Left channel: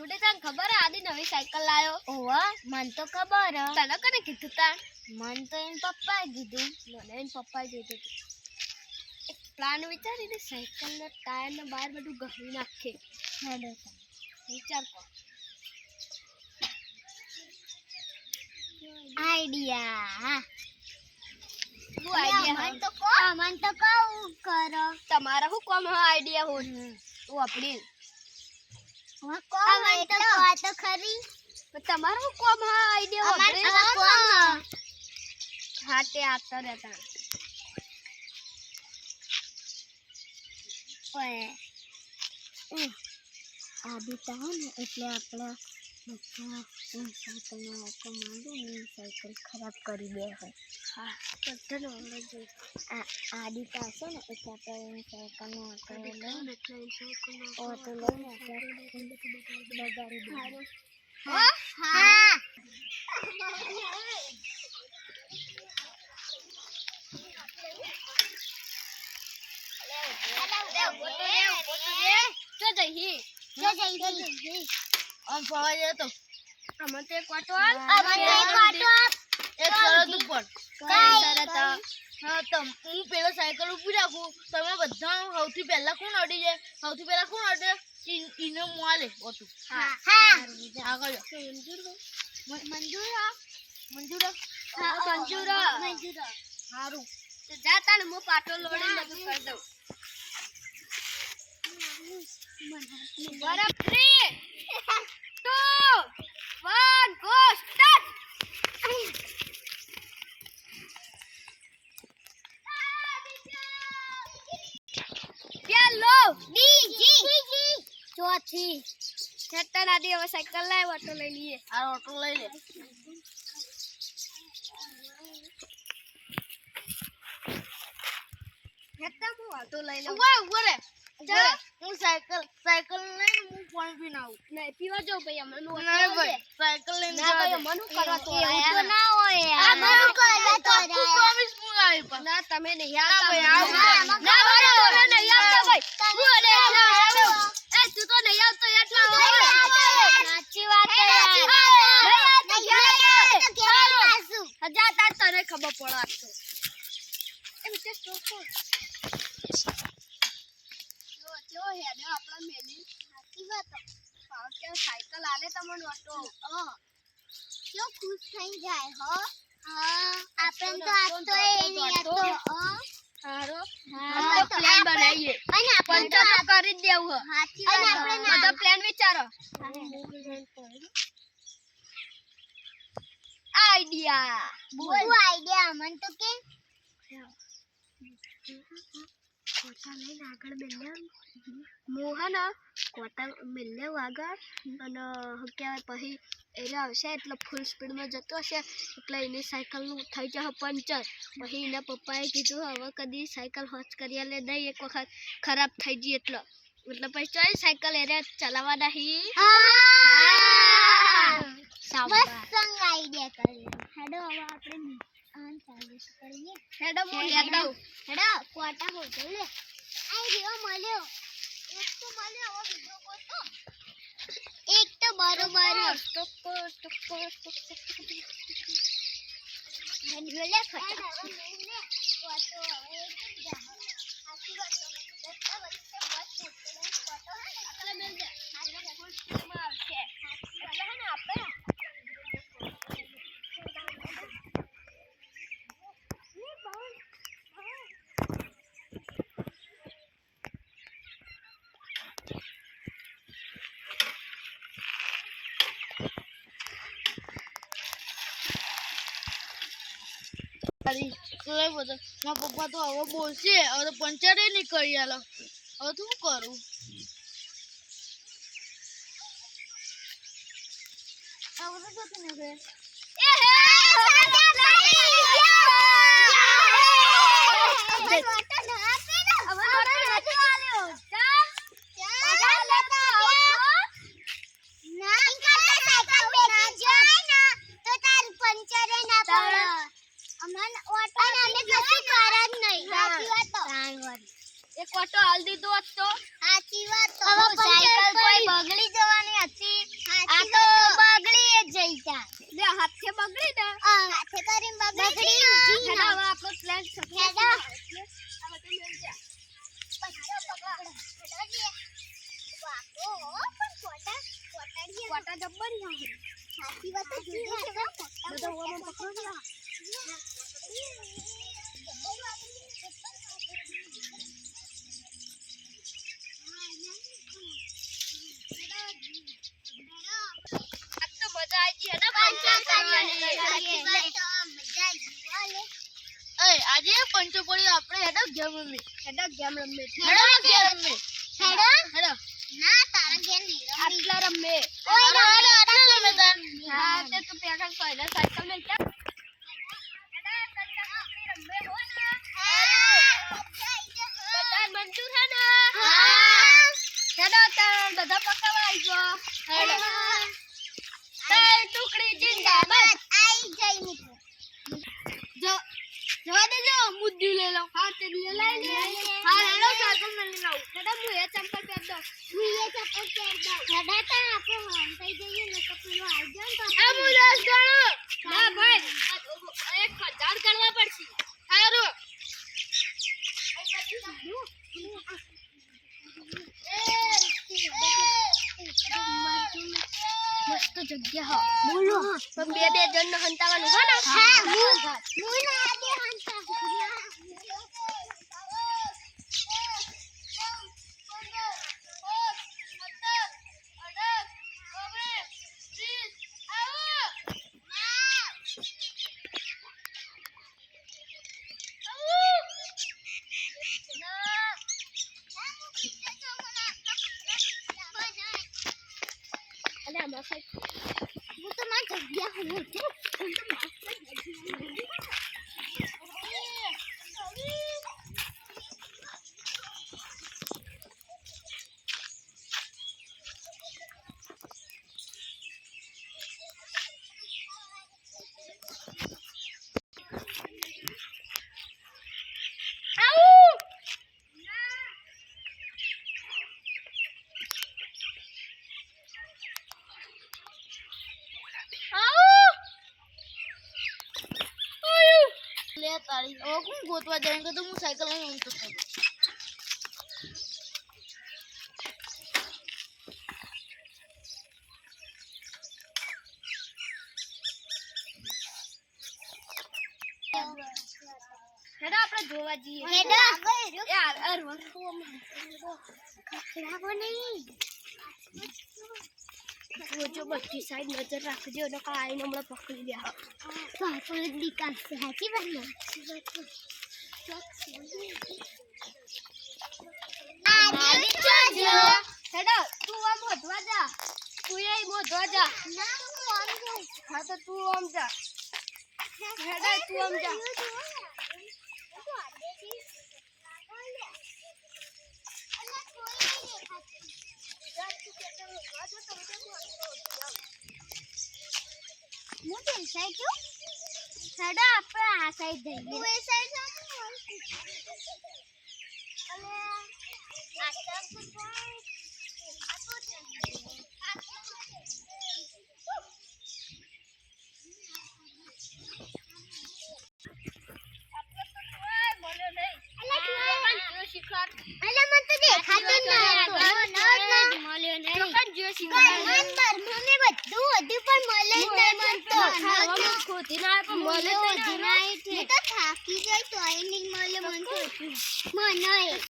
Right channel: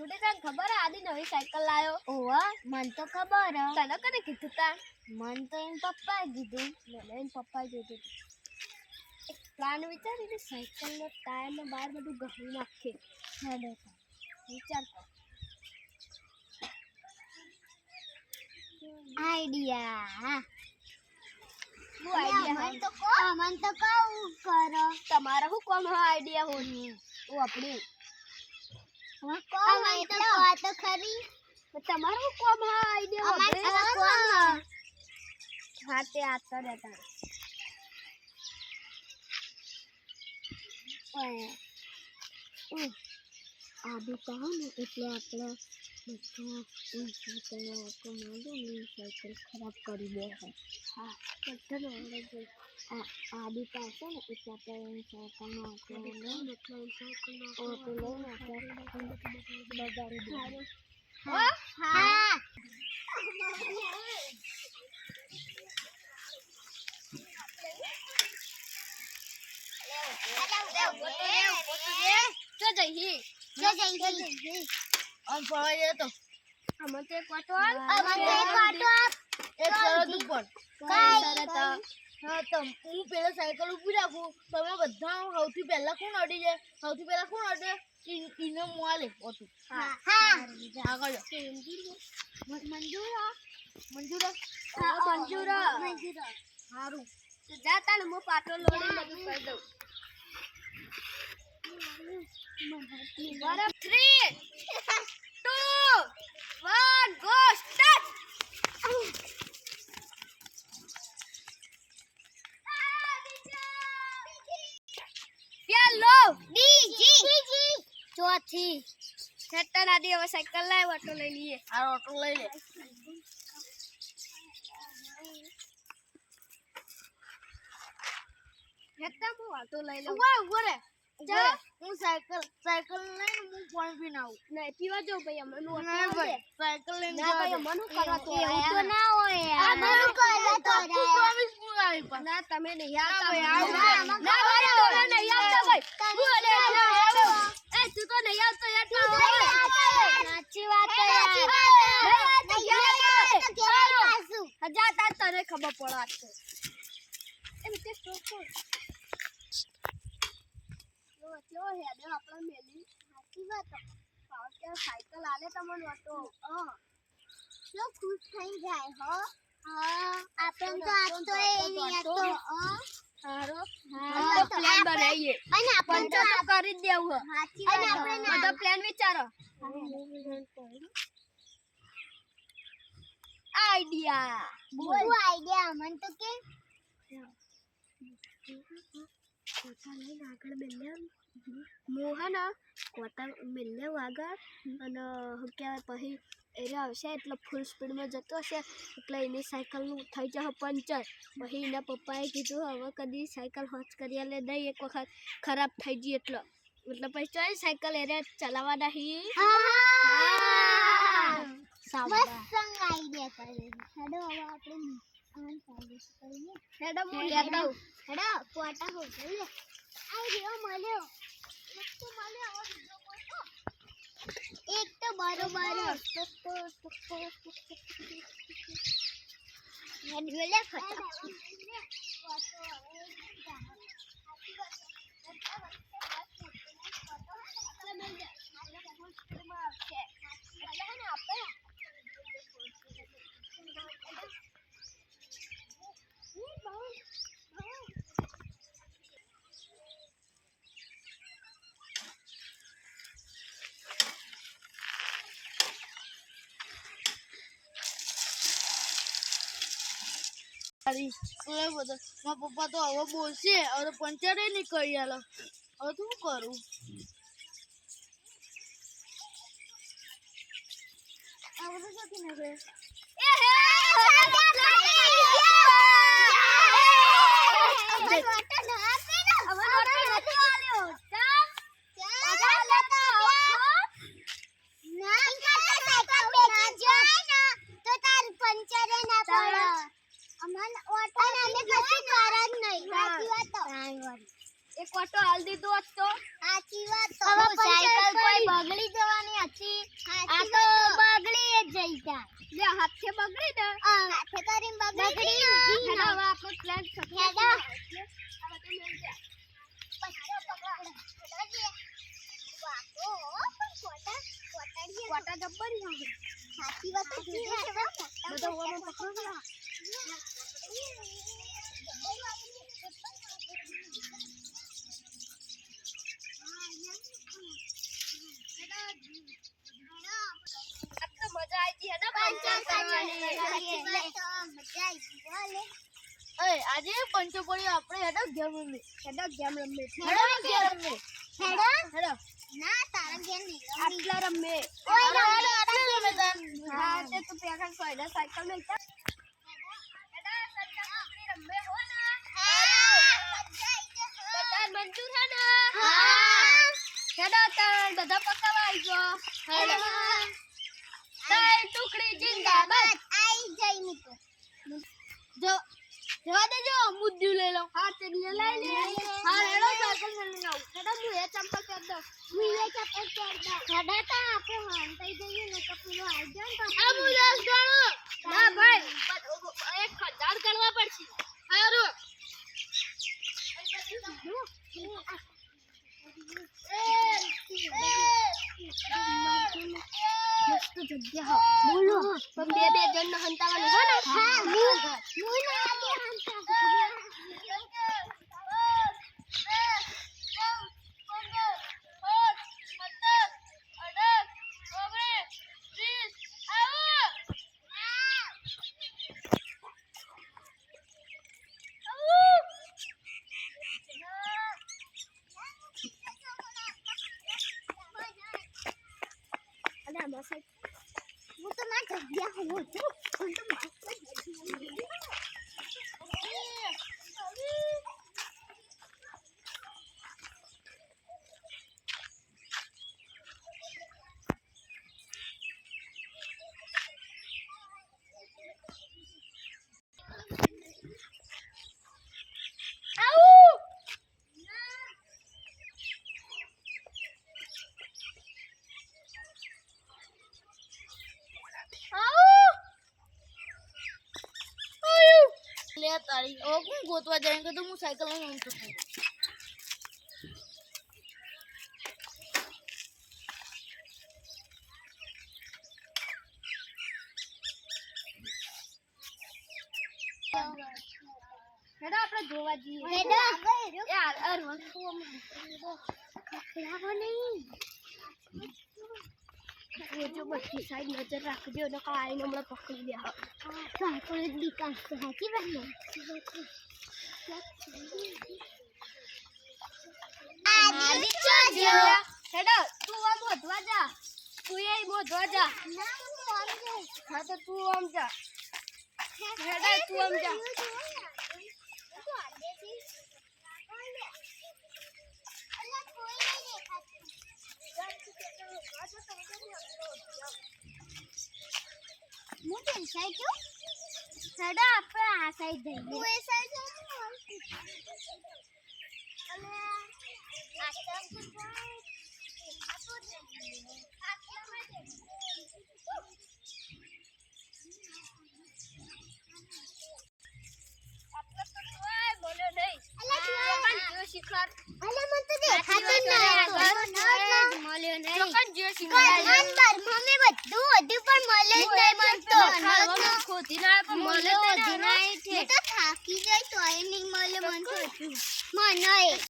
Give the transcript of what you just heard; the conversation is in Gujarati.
ગુડે તને ખબર આદિ નવી સાયકલ લાયો? ઓવા મન તો ખબર હ. તને કને કીધું તા? મન તો એન પપ્પાએ કીધું. મને એન પપ્પાએ કીધું. એક પ્લાન વિચારીને સાયકલ ના ટાયર ને બહાર બધું ગહી નાખે. હેડો વિચાર કર. આઈડિયા. શું આઈડિયા? મન તો કહું કરો. તમારા શું કોમ હા આઈડિયા હો? તું આપણી મન તો કહો તો ખરી. તમારું શું કોમ હા આઈડિયા હો? હા તે આતા રહેતા. આદિતા હો ને એટલે આપણે બધા સાયકલનો ઓકો માંડો ને સાયકલ ખરાબ કરી દે છે. હા બધાનો આવડે છે. આદિતા હશે ને એટલે આપણે સાયકલનો ઓટો લઈને આપણે બગાડી દઈએ. હા. હું પેલા સાયકલ ઉભી રાખું. તમે બધા સૌથી પહેલા કોણ અડી જાય? સૌથી પહેલા કોણ અડે? ઇને મોલે ઓતું. આગળ મંજૂર હારું જા તાને હું પાટો લોડીને બધું કરી દઉં. બરાબર 3 2 1 ગો સ્ટાર્ટ. પેલો બીજી ચોથી હેટર આદી હવે સાયકલ લાવ ઓટો લઈ લઈએ. આ ઓટો લઈ લે. હેટર હું ઓટો લઈ લઉં. ઉભો રે. હું સાયકલ લઈને હું પાણી પીને આવું. નહીં પીવા જાવ ભાઈ અમને નું નહીં ભાઈ સાયકલ લઈને ના ભાઈ મન કરવા તો એવું તો ના હોય યાર. મન કરવા તો પ્રોમિસ હું આવી પણ ના તમે નહીં આવતા. ના ભાઈ તમે નહીં આવતા ભાઈ. હું અડે એ તું તો નહીં આવતો એટલા હોય. સાચી વાત છે હજાર તાર તને ખબર પડે તો એ વિશે સ્ટોપ જો હેડે આપણા મેલી સાચી વાત કે સાયકલ આલે તમને ઓટો કેવો ખુશ થઈ જાય હો. આપણે તો આજ તો એ નહીં આજ તો હારો તો પ્લાન બનાવીએ અને પંચર તો કરી જ દેવું હે. સાચી વાત બધો પ્લાન વિચારો. આઈડિયા બોલ આઈડિયા મન તો કે કોટા લઈને આગળ બેલ્યા મોહન કોટા મેલ્યા આગળ અને શું કહેવાય પછી એ આવશે એટલે ફૂલ સ્પીડમાં જતો હશે એટલે એની સાયકલનું થઈ જશે પંચર. પછી એના પપ્પાએ કીધું હવે કદી સાયકલ હોચ કરી લે દઈ એક વખત ખરાબ થઈ ગઈ એટલે પછી ચાલ સાયકલ એને ચલાવવા નહીં. મસ્ત આઈડિયા કર્યો. હેડો હવે આપણે ચાલુ કરીએ. હેડો હું લેતા આવું. હેડો કોટા હોટલ લે આઈ રહ્યો મળ્યો. એક તો મળ્યો હવે બીજો કોટો એક તો બરોબર હેડો લે ફટાફટ કોટો હવે એકદમ જા. સાચી વાત તો બધા વચ્ચે બસ કોટો હે ને એટલે મેલ દે. આપણે ફૂલ સ્પીડમાં આવશે. એટલે હે ને આપણે મારા પપ્પા તો હવે બોલશે હવે તો પંચરે નહીં કરી આલો. હવે તો શું કરું? એક ઓટો હાલ દીધો હોત તો સાચી વાત તો સાયકલ કોઈ બગડી જવાની હતી. સાચી વાત તો જોઈએ છે બધા ઓમાં પકડો ને. આજ તો મજા આવી ગઈ હે ને પંચો કરવાની. આજે પંચો પડી આપણે હેડો ગેમ રમી હેડો ગેમ રમે. હેડો ગેમ રમી હેડો ના તારા ઘેર નહીં રમી. આટલા રમે. હેડો હેડો આટલે રમે તાર હા તે તું પેલા સોયલા સાયકલ મેં ક્યાં બધા મંજૂર હે ને? હેડો તાર બધા પકાવા આવી ગયો. હેડો તાર ટુકડી જિંદાબાદ. જો જવા દેજો મુદ્દુ લઈ લઉં. હા તે લઈ લે. હા હેડો સાયકલ મેં લઈ લઉં. હેડો હું એ ચંપલ પહેર દઉં. ના ભાઈ એક હજાર કરવા પડશે. હારું મસ્ત જગ્યા હ. બોલો પણ બે જણ હંતાવાનું છે ને. અને આમાં સાહેબ હું તો ના જગ્યા હું છું. લે તારી ઓ કોણ ગોતવા જાય કે તો હું સાયકલ લઈને ઊંઘતો હતો હેડો આપણે જોવા જઈએ. હેડો. એ અર જો બધી સાઈડ નજર રાખજો ને આઈને હમણાં પકડી દે. હેડો તું આમ વધવા જા. તું એ વધવા જા. હા તો તું આમ જા. હેડો તું આમ જા. હેડો આપણે આ સાઈડ જઈએ. થાકી જાય તો નહીં મળે મને.